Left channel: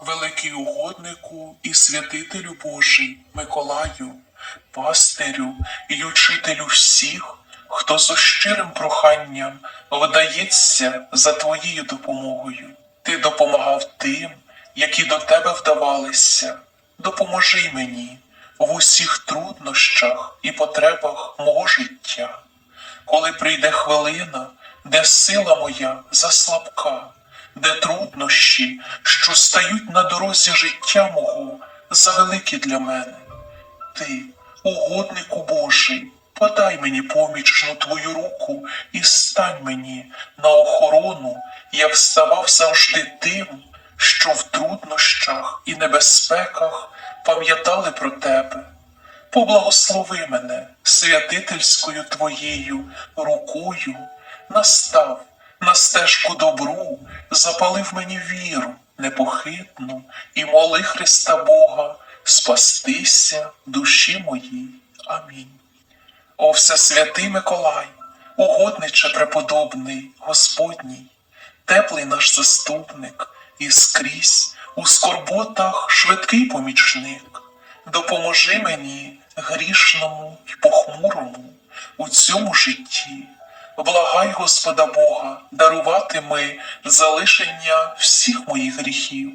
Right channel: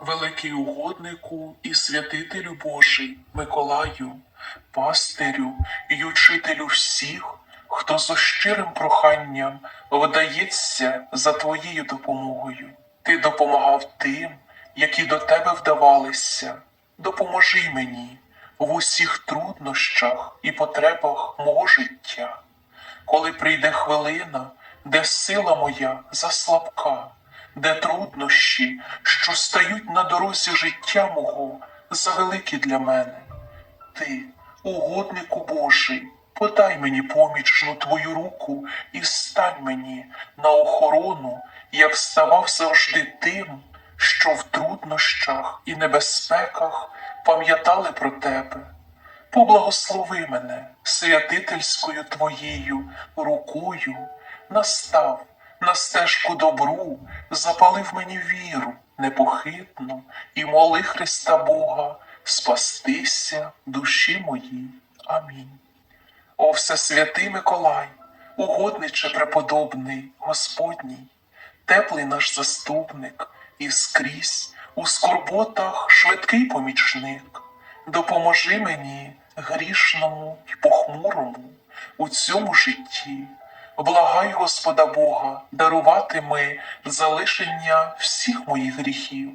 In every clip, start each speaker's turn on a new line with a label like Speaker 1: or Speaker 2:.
Speaker 1: великий угоднику і святителю Божий Миколаю, пастирю і учителю всіх, хто зо щирим проханням вдається за твоєю допомогою. Ти допомагав тим, які до тебе вдавалися. Допоможи мені в усіх труднощах і потребах мого життя. Коли прийде хвилина, де сила моя заслабка, де труднощі, що стають на дорозі життя мого, завеликі для мене. Ти, угоднику Божий, подай мені помічну твою руку і стань мені на охорону, як ставав завжди тим, що в труднощах і небезпеках пам'ятали про тебе. Поблагослови мене святительською твоєю рукою, настав на стежку добру, запалив мені віру непохитну і моли Христа Бога спастися душі моїй. Амінь. О Всесвятий Миколай, угодниче преподобний Господній, теплий наш заступник і скрізь у скорботах швидкий помічник. Допоможи мені грішному й похмурому у цьому житті. Благай Господа Бога дарувати ми залишення всіх моїх гріхів,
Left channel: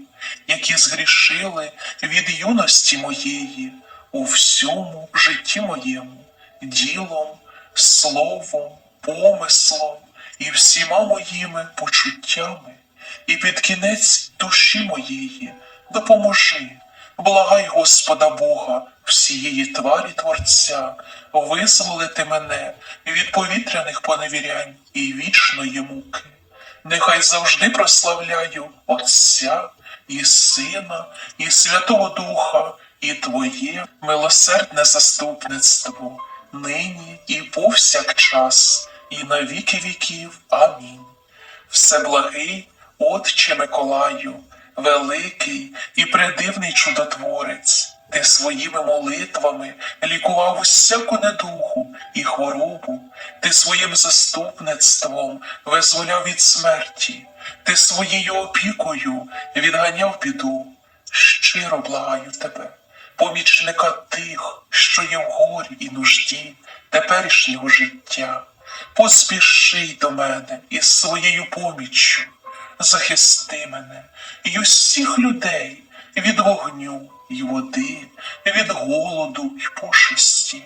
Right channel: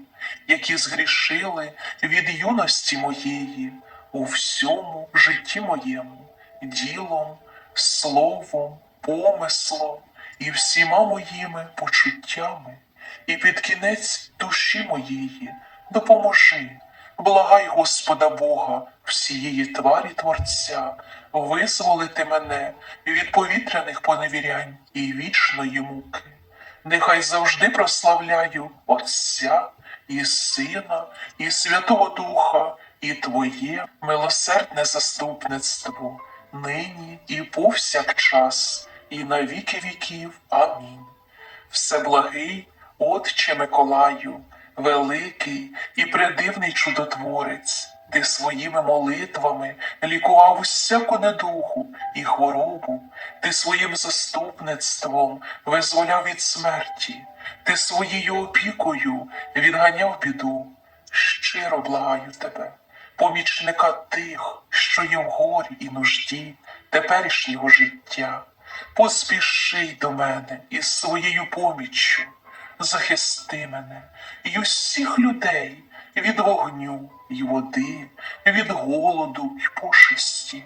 Speaker 1: які згрішили від юності моєї у всьому житті моєму, ділом, словом, помислом і всіма моїми почуттями, і під кінець душі моєї допоможи. Благай Господа Бога, всієї тварі Творця, визволити мене від повітряних поневірянь і вічної муки. Нехай завжди прославляю Отця і Сина, і Святого Духа, і Твоє милосердне заступництво, нині і повсякчас, і на віки віків. Амінь. Всеблагий, Отче Миколаю, великий і предивний чудотворець, ти своїми молитвами лікував усяку недуху і хворобу, ти своїм заступництвом визволяв від смерті, ти своєю опікою відганяв біду. Щиро благаю тебе, помічника тих, що є в горі і нужді теперішнього життя. Поспіши до мене із своєю поміччю, захисти мене і усіх людей від вогню й води, від голоду й пошесті,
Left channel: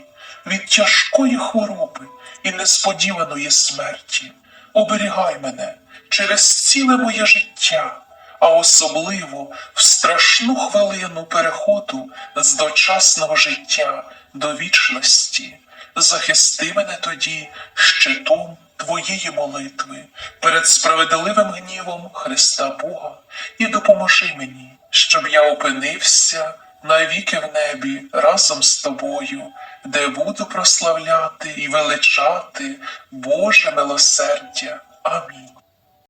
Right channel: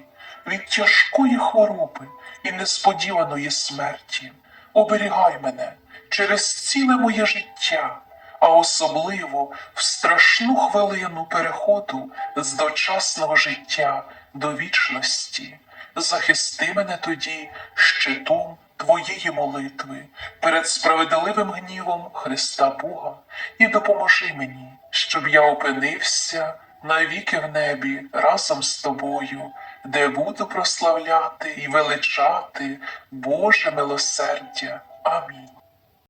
Speaker 1: від тяжкої хвороби і несподіваної смерті. Оберігай мене через ціле моє життя, а особливо в страшну хвилину переходу з дочасного життя до вічності. Захисти мене тоді щитом твоєї молитви перед справедливим гнівом Христа Бога і допоможи мені, щоб я опинився навіки в небі разом з тобою, де буду прославляти і величати Боже милосердя. Амінь.